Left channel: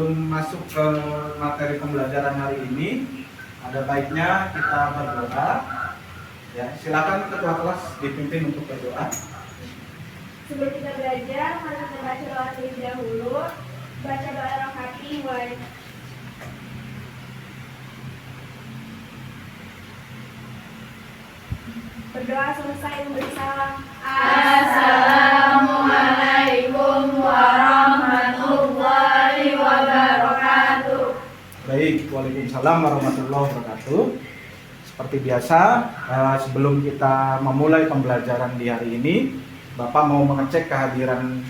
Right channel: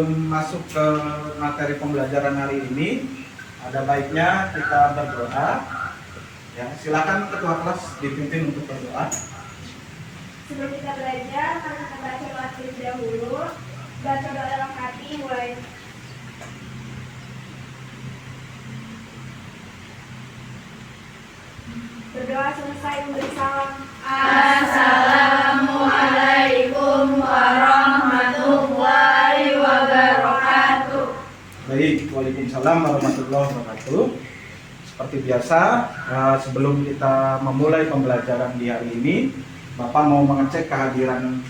sebelum masuk ke materi pembelajaran hari ini, ada baiknya kita berdoa. Ya, silakan ketua kelas dipimpin untuk berdoa. Sebelum kita belajar, mari kita baca doa terlebih dahulu. Baca doa dalam hati, mulai. Berdoa selesai memberi salam. Assalamualaikum warahmatullahi wabarakatuh. Baik, waalaikumsalam warahmatullahi wabarakatuh. Seperti biasa, sebelum kita memulai pembelajaran di hari ini, Bapak mau mengecek kehadiran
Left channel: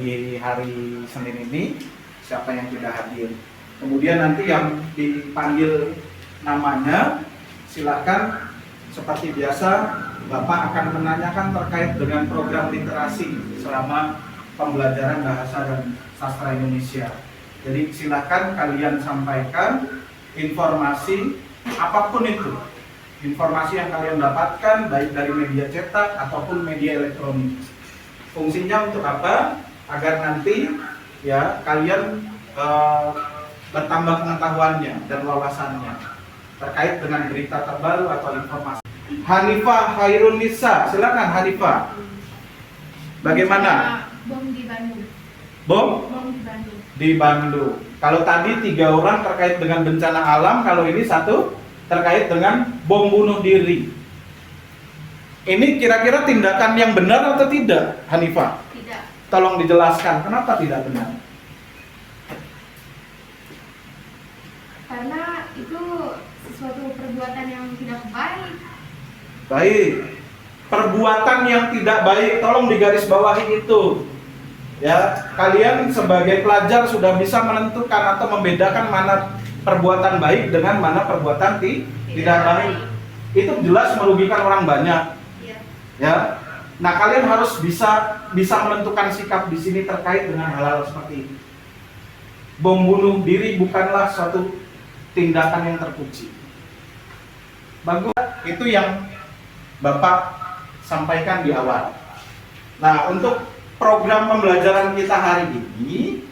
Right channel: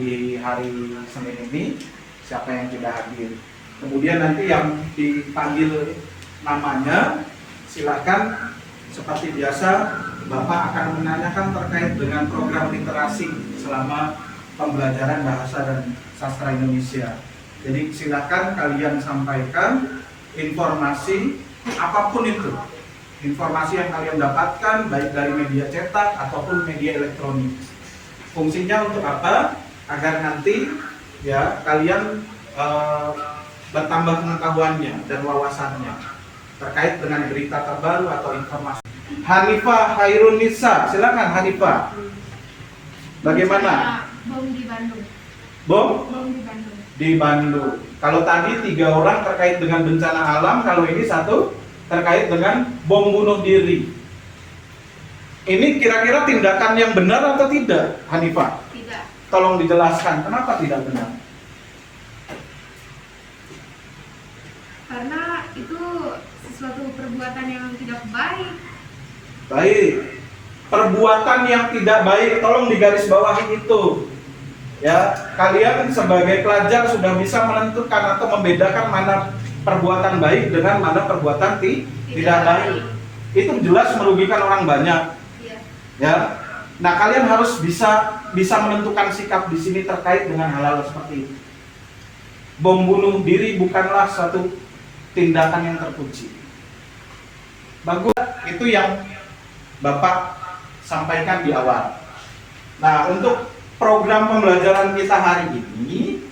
di hari Senin ini, siapa yang tidak hadir. Kemudian nanti yang dipanggil namanya, silakan seperti biasa, Bapak akan menanyakan terkait dengan program literasi selama pembelajaran bahasa dan sastra Indonesia. Jadi silakan kalian sampaikan informasi apapun itu, informasi yang kalian dapatkan baik dari media cetak ataupun media elektronik. Fungsinya untuk apa? Agar nanti ya kalian bertambah pengetahuannya dan wawasannya terkait dengan berita terbaru atau informasi. Hanifah Hairun Nisa, silakan Hanifah. Bagaimana? Bom di Bandung. Bom? Bom di Bandung. Di Bandung. Kalau tadi 3 orang terkait dengan bencana alam, kalau ini 1 terkait dengan bom bunuh diri. Ini kira-kira tindakan yang benar atau tidak, Hanifah? Tidak. Tolong dijelaskan, kenapa tidak benar? Karena itu sesuatu perbuatan yang tidak baik. Baik. Perbuatan yang tidak baik, tolong digarisbawahi itu. Ya, kalian sebagai pelajar sudah bisa menentukan atau membedakan mana perbuatan baik dengan mana perbuatan tidak baik. Itu jelas merugikan orang banyak. Ya. Ya. Nah, kalian harus bisa menentukan sikap di sini terkait dengan hal-hal seperti itu. Bom bunuh diri bukanlah satu tindakan yang terpuji. Bagus, itu yang Bapak sampaikan di awal. Nah, untuk program pembelajaran kita hari ini,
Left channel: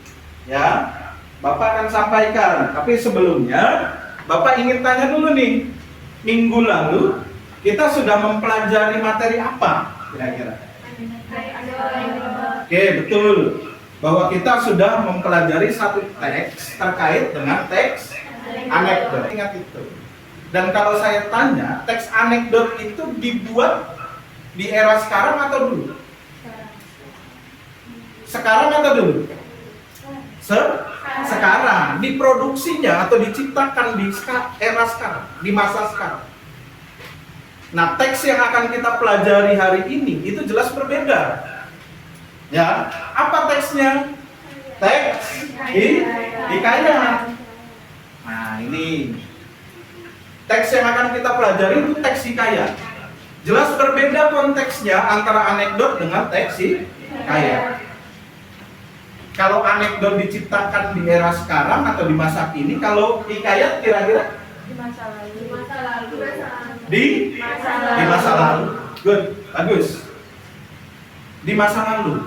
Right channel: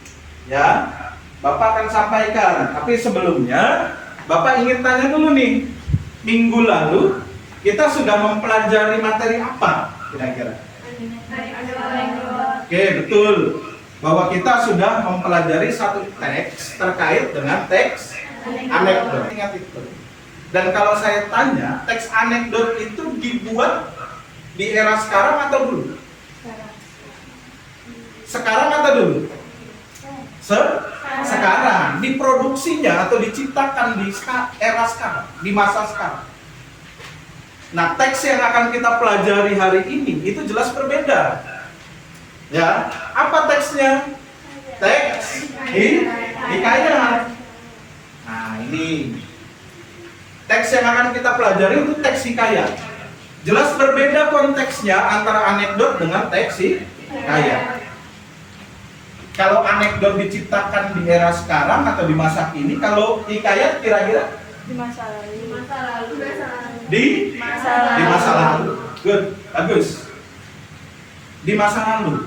ya, Bapak akan sampaikan. Tapi sebelumnya, Bapak ingin tanya dulu nih, minggu lalu kita sudah mempelajari materi apa kira-kira? Oke, betul. Bahwa kita sudah mempelajari satu teks terkait dengan teks anekdot. Ingat itu. Dan kalau saya tanya, teks anekdot itu dibuat di era sekarang atau dulu? Sekarang atau dulu? Sekarang. Diproduksinya atau diciptakan di era sekarang, di masa sekarang. Nah, teks yang akan kita pelajari hari ini itu jelas berbeda. Ya, apa teksnya? Teks hikayat. Nah, ini teks yang akan kita pelajari itu teks hikayat. Jelas berbeda konteksnya antara anekdot dengan teks hikayat. Kalau anekdot diciptakan di era sekarang atau di masa kini, kalau hikayat kira-kira Di masa lalu. di masa lalu. Good, bagus. Di masa lalu.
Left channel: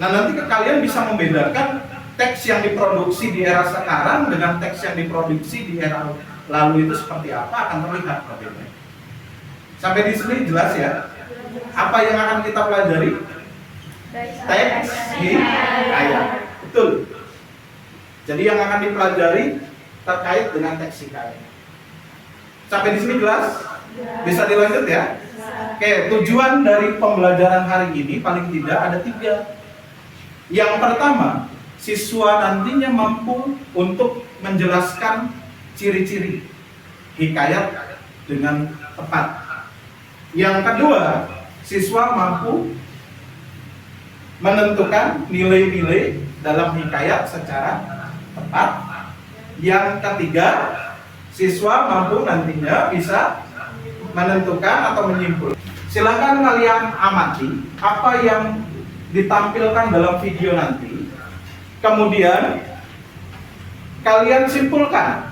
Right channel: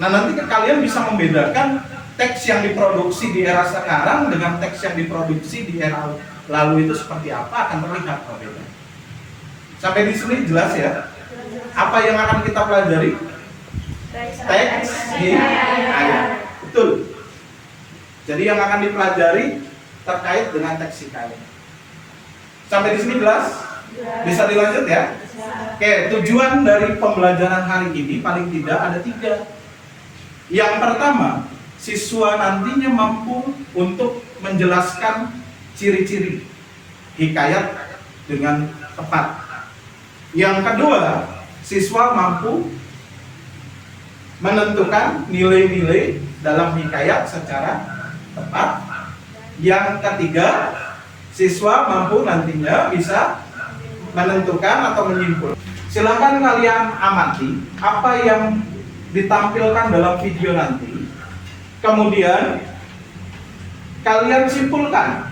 Nah, nanti kalian bisa membedakan teks yang diproduksi di era sekarang dengan teks yang diproduksi di era lalu itu seperti apa, akan terlihat perbedaannya. Sampai di sini jelas ya? Apa yang akan kita pelajari? Teks hikayat. Betul. Jadi yang akan dipelajari terkait dengan teks hikayat. Sampai di sini jelas? Bisa dilanjut ya? Oke, tujuan dari pembelajaran hari ini paling tidak ada 3. Yang pertama, siswa nantinya mampu untuk menjelaskan ciri-ciri hikayat dengan tepat. Yang kedua, siswa mampu menentukan nilai-nilai dalam hikayat secara tepat. Yang ketiga, siswa mampu nantinya bisa menentukan atau menyimpulkan. Silakan kalian amati apa yang ditampilkan dalam video nanti. Kemudian kalian simpulkan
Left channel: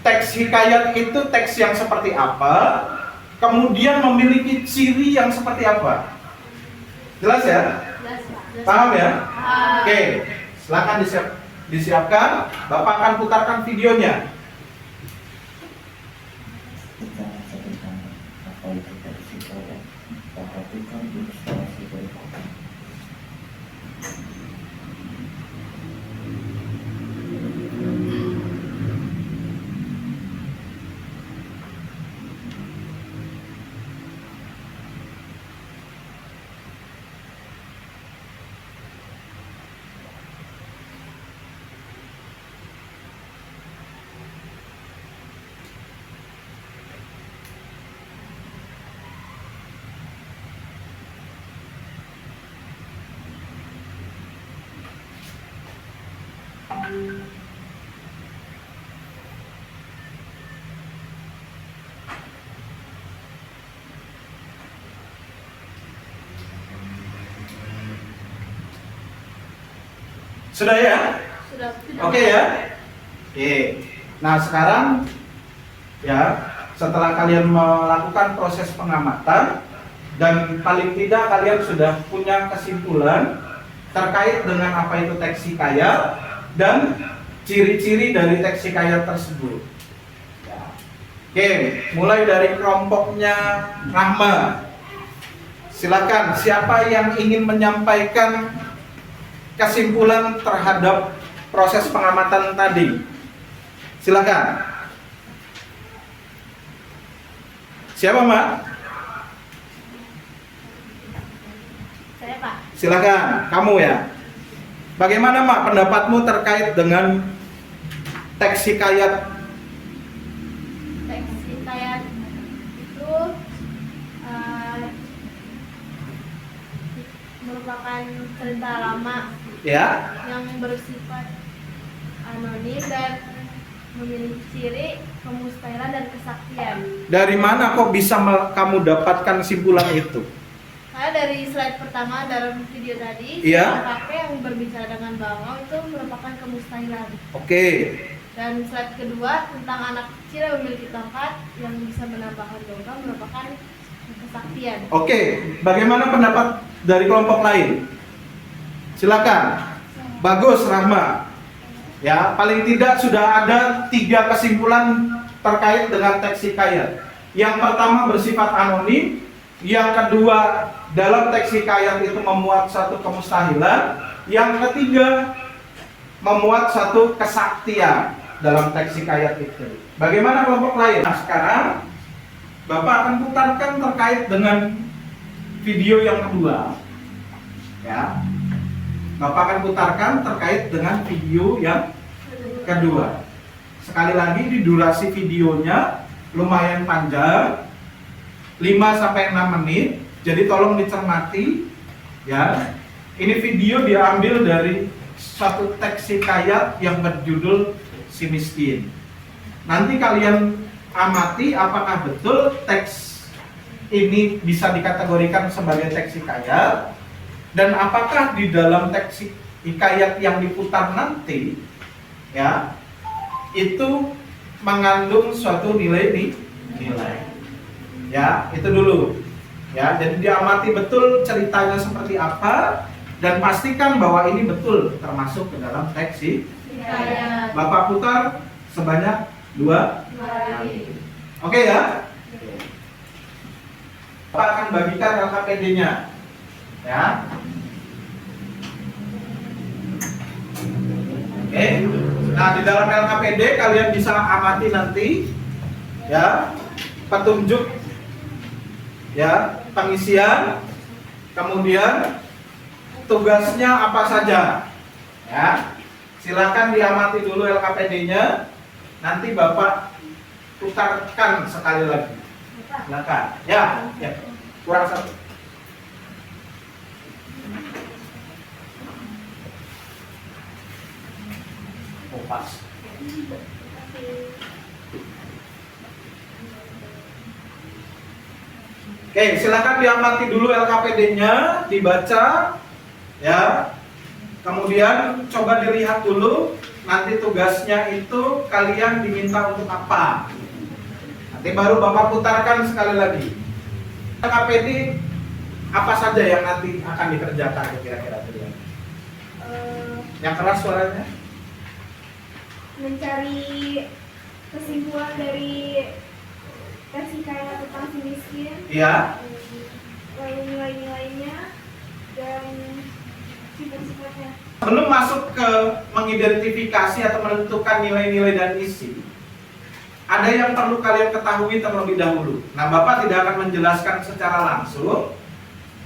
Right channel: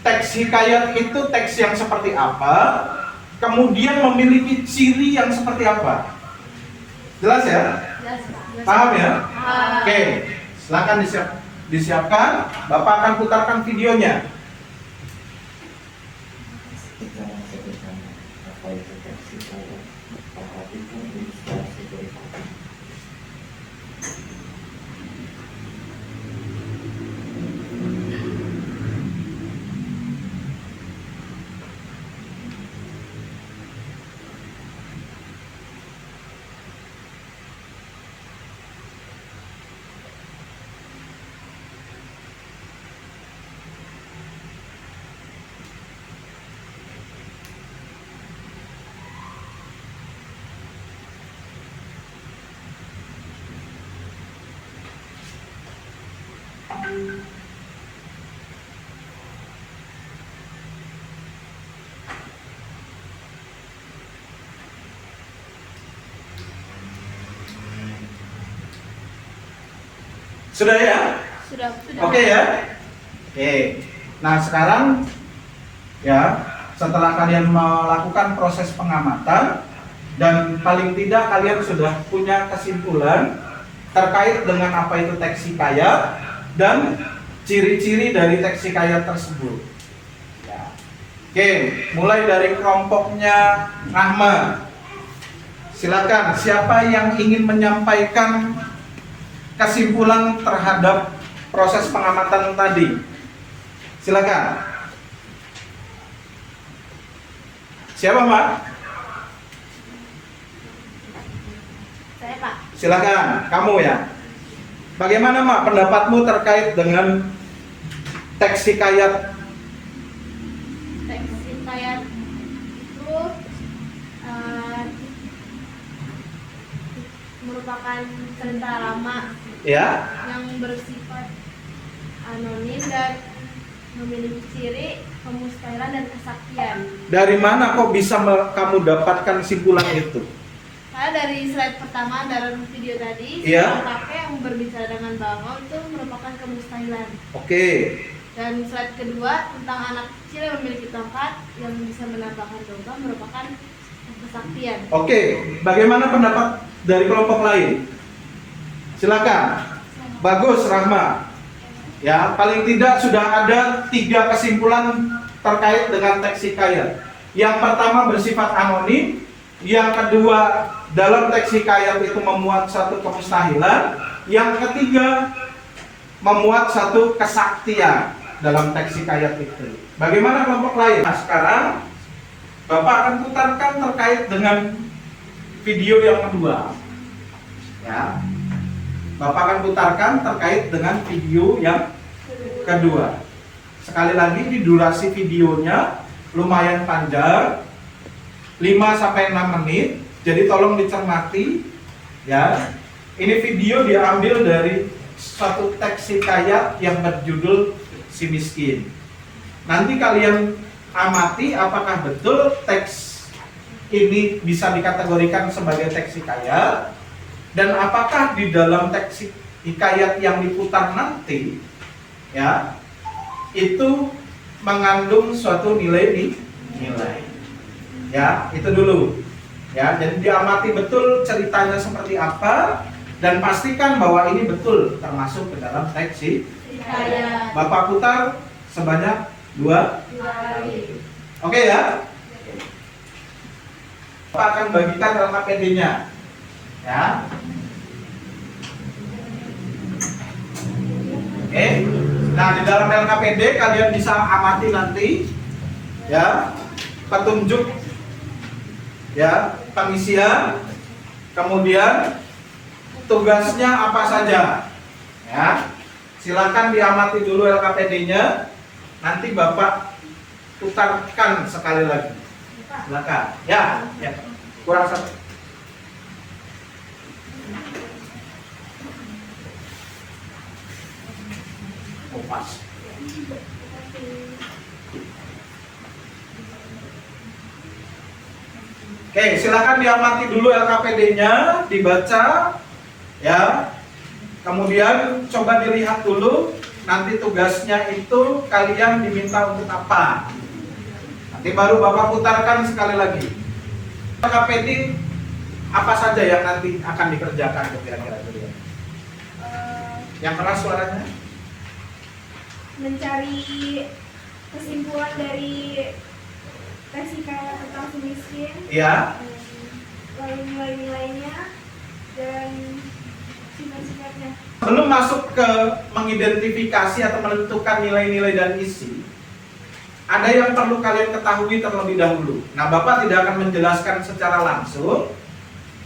teks hikayat itu teks yang seperti apa, kemudian memiliki ciri yang seperti apa. Jelas ya? Paham ya? Oke, silakan disiap. Disiapkan, Bapak akan putarkan videonya. Secara sederhana, apa itu teksi kayak? Perhatikan ilustrasi berikut. Sudah ya? Sudah. Oke ya? Oke. Nah sekarang ya, setelah kalian melakukan proses pengamatan dan paling tidak kalian sudah punya kesimpulan terkait dengan apa itu teks hikayat dan ciri-ciri dari teks hikayat tersebut. Ya. Oke, mulai dari kelompoknya Rahma. Silakan, siapa yang ingin menyampaikan kesimpulan terhadap proses pengamatan tadi? Silakan. Siapa, Mbak? Saya, Pak. Silakan, kamu ya. Bagaimana, Mak, pendapatmu terkait dengan teks hikayat? Teks hikayat itu merupakan cerita lama Ya, yang bersifat anonim dan memiliki ciri kemustahilan dan kesaktian. dari mana kok bisa kamu dapatkan kesimpulan itu? Karena dari slide pertama dalam video tadi, Iya. seorang kakek yang berbicara dengan bangau itu merupakan kemustahilan. Oke, Dan slide kedua tentang anak kecil yang memiliki tongkat yang bisa menampakkan logam merupakan kesaktian. oke. Bagaimana pendapat dari kelompok lain? Silakan. Bagus, Rahma. Ya, paling tidak sudah ada 3 kesimpulan terkait dengan teks hikayat. Yang pertama bersifat anonim, yang kedua dalam teks hikayat itu memuat satu kemustahilan, yang ketiga memuat satu kesaktian dalam teks hikayat itu. Bagaimana kelompok lain? Nah, sekarang Bapak akan putarkan terkait dengan video yang kedua. Ya. Bapak akan putarkan terkait dengan video yang kedua. Sekali lagi, di durasi videonya lumayan panjang, 5-6 menit. Jadi tolong dicermati ya. Ini video diambil dari suatu teks hikayat yang berjudul Si Miskin. Nanti kalian amati apakah betul teks ini bisa dikategorikan sebagai teks hikayat, dan apakah di dalam teks hikayat yang diputar nanti ya itu mengandung suatu nilai. Ya, itu dulu. Ya, jadi diamati betul ceritanya seperti apa dan pastikan bahwa ini betul termasuk ke dalam teks Hikayat. Bapak putar sebanyak 2 Kali. Oke ya? Bapak akan bagikan LKPD-nya. Ya. Oke. Nah, di dalam LKPD kalian bisa amati nanti ya, petunjuk ya, pengisian, kemudian tugasnya apa saja. Ya. Silakan diamati dulu LKPD-nya. Nanti Bapak putarkan sekali lagi. Silakan. Ya, ya. Kurang satu. Oh, pas. Oke, silakan diamati dulu LKPD-nya, dibaca, ya. Kemudian coba dilihat dulu, nanti tugasnya itu kalian diminta untuk apa. Nanti baru Bapak putarkan sekali lagi. LKPD apa saja yang nanti akan dikerjakan kira-kira? Yang keras suaranya? mencari kesimpulan dari tes kayak tentang si miskin, Ya. lalu nilai-nilainya dan sifat-sifatnya. Belum masuk ke mengidentifikasi atau menentukan nilai-nilai dan isi, ada yang perlu kalian ketahui terlebih dahulu. Nah, Bapak tidak akan menjelaskan secara langsung.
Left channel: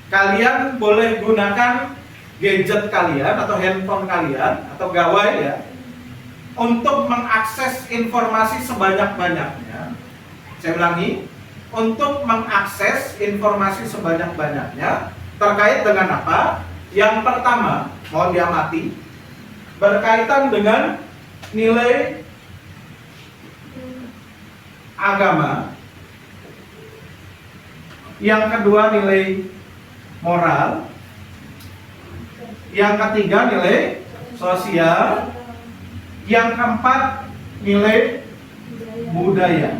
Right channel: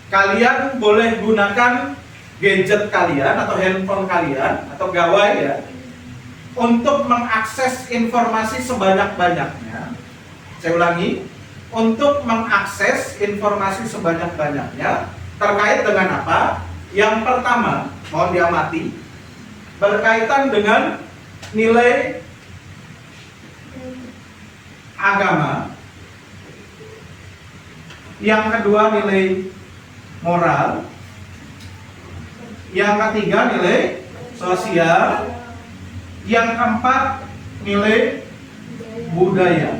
Kalian boleh gunakan gadget kalian atau handphone kalian atau gawai ya untuk mengakses informasi sebanyak-banyaknya. Saya ulangi, untuk mengakses informasi sebanyak-banyaknya terkait dengan apa? Yang pertama, mohon diamati, berkaitan dengan nilai agama. Yang kedua, nilai moral. Yang ketiga, nilai sosial. Yang keempat, nilai budaya.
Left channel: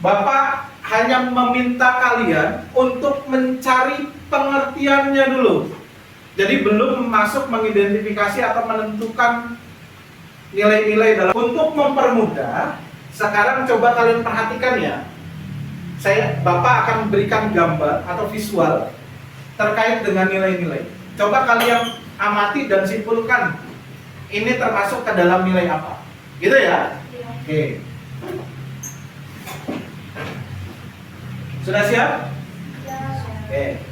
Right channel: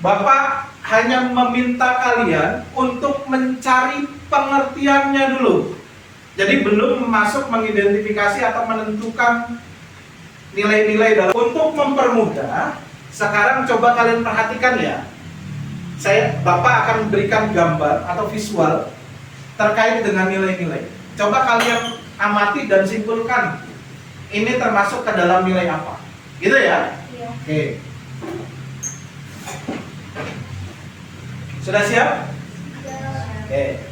Bapak hanya meminta kalian untuk mencari pengertiannya dulu. Jadi belum masuk mengidentifikasi atau menentukan nilai-nilai dalam. Untuk mempermudah, sekarang coba kalian perhatikan ya. Bapak akan memberikan gambar atau visual terkait dengan nilai-nilai. Coba kalian amati dan simpulkan. Ini termasuk ke dalam nilai apa? Gitu ya? Iya. Oke. Sudah siap? Oke.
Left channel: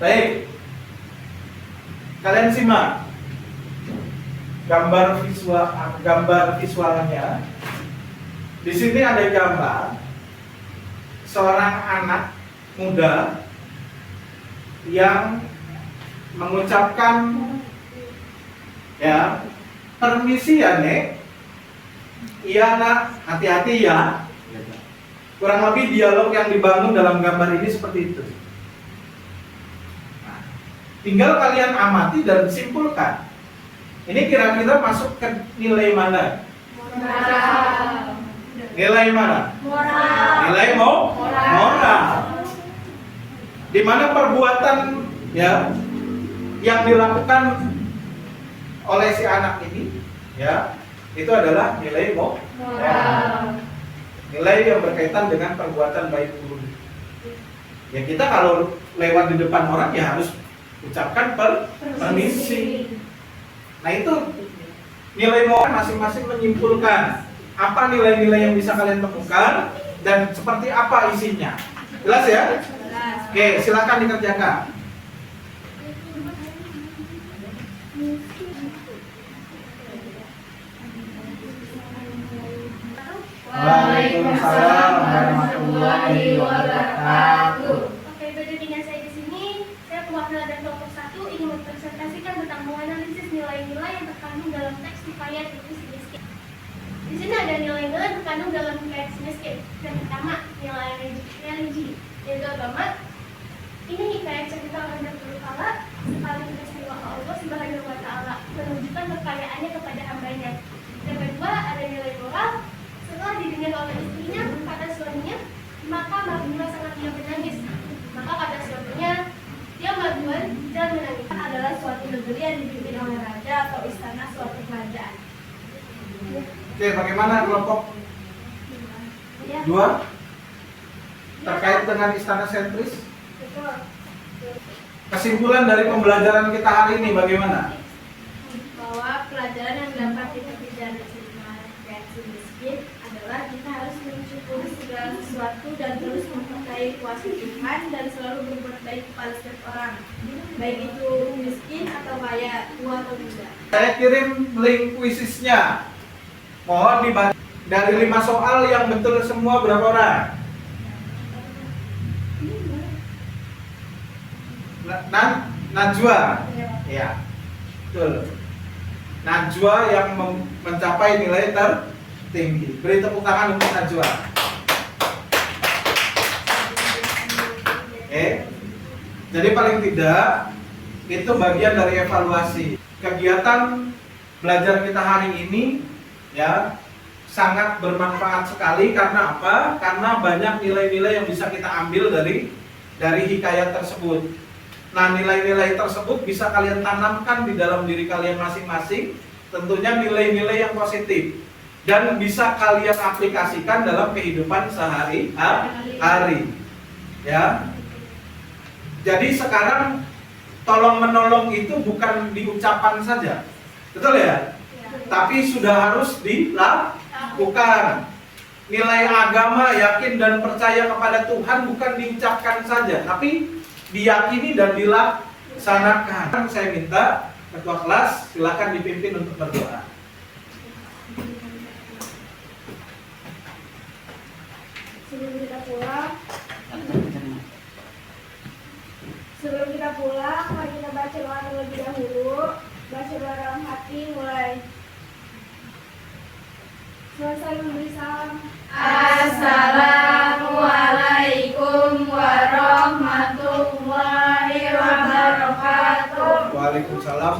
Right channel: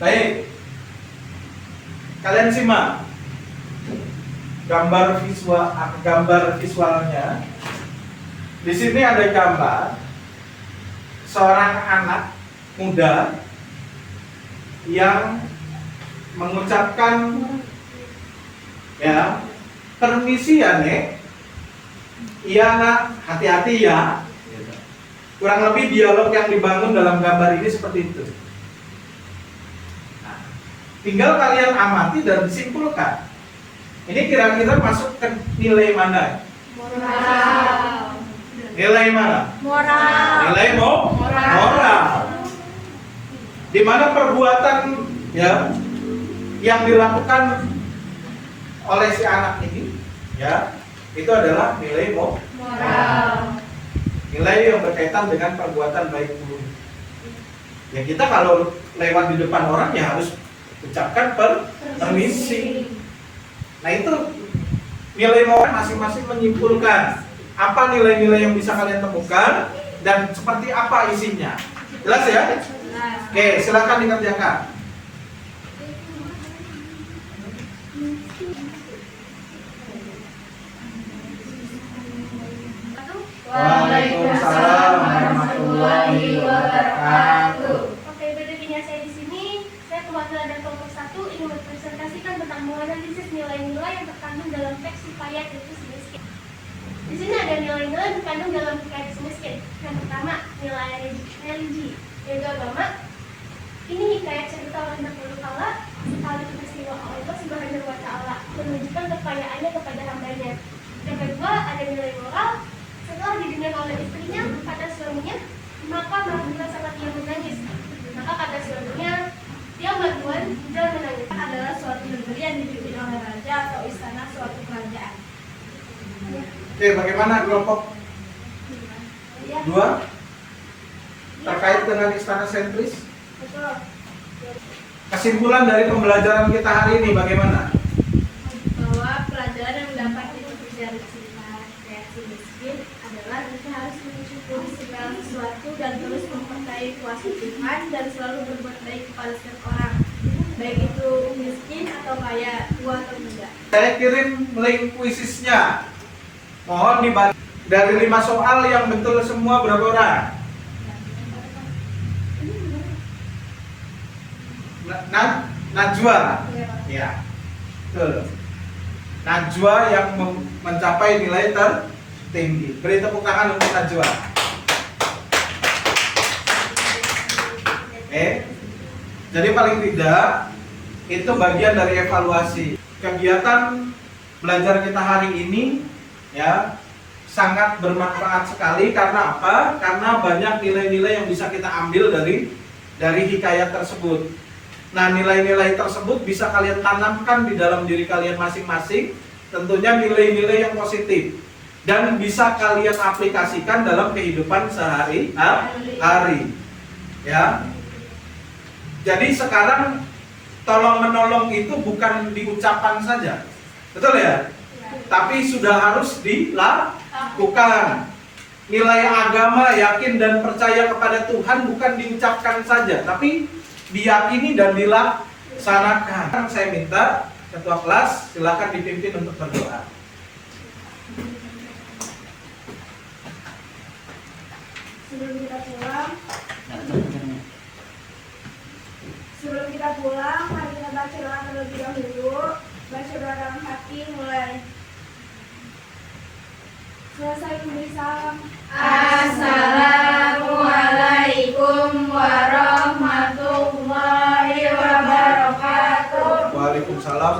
Baik. Kalian simak gambar visualnya. Di sini ada gambar seorang anak muda yang mengucapkan ya, permisi ya Nek, iya nak, hati-hati ya. Kurang lebih dialog yang dibangun dalam gambar ini seperti itu. Nah, tinggal kalian amati dan simpulkan. Ini kira-kira masuk ke nilai mana? Moral. Nilai mana? Moral. Nilai moral. Di mana perbuatan ya yang dilakukan oleh si anak ini ya itu adalah nilai Moral. nilai yang berkaitan dengan perbuatan baik buruk. Ya kita kalau lewat di depan orang ya harus ucapkan permisi. Nah itu nilai moral masing-masing menyimpulkan apa nilai-nilai yang bisa kalian temukan dan seperti apa isinya. Jelas ya? Oke, silakan dikerjakan. Waalaikumsalam warahmatullahi wabarakatuh. Oke, bedanya saya di sini, saya perwakilan dari kelompok 1 ingin mempresentasikan tentang menganalisis nilai-nilai yang terkandung dalam teks hikayat itu miskin. Di sini ada nilai-nilai yang terkandung dalam hikayat miskin. Yang pertama, nilai religi, yaitu agama. Ini hikayat cerita orang dahulu kala, sekali peristiwa Allah Subhanahu wa Ta'ala menunjukkan kekayaannya kepada hambanya. Yang kedua, ada nilai moral. Setelah didengar oleh istrinya, kata suaminya, maka marilah saat ia menangis. Maka kata suaminya, dia melakukan dan menangis adalah suatu negeri yang dipimpin oleh raja atau istana suatu kerajaan. Oke, bagaimana kelompok Ya, 2 terkait dengan istana sentris? betul. Kesimpulan dari pembelajaran kita hari ini bagaimana? Bahwa pelajaran yang dapat dipetik dari cerita kreasi miskin adalah kita harus mensyukuri segala sesuatu dan terus mempercayai kuasa Tuhan dan selalu berbuat baik kepada setiap orang, baik itu miskin atau kaya, tua atau muda. Saya kirim link kuisisnya. Mohon dibantu. Dari 5 soal yang betul semua berapa orang? Najwa. Ya. Betul. Najwa yang mencapai nilai tertinggi. Beri tepuk tangan untuk Najwa. Oke. Jadi paling tidak itu bagian dari evaluasi kegiatan belajar kita hari ini ya. sangat bermanfaat sekali. Karena apa? Karena banyak nilai-nilai yang bisa kita ambil dari hikayat tersebut. Nah, nilai-nilai tersebut bisa kalian tanamkan di dalam diri kalian masing-masing. Tentunya nilai-nilai yang positif dan bisa kalian aplikasikan dalam kehidupan sehari-hari. Ya. Jadi sekarang tolong menolong itu bukan diucapkan saja, betul ya? Tapi sudah harus dilakukan. Nilai agama, yakin dan percaya kepada Tuhan bukan diucapkan saja, tapi diyakini dan dilaksanakan. Saya minta ketua kelas silakan dipimpin untuk berdoa. Sebelum kita pulang, mari kita baca doa terlebih dahulu. Baca doa dalam hati, mulai. Selesai memberi salam. Assalamualaikum warahmatullahi wabarakatuh. Waalaikumsalam.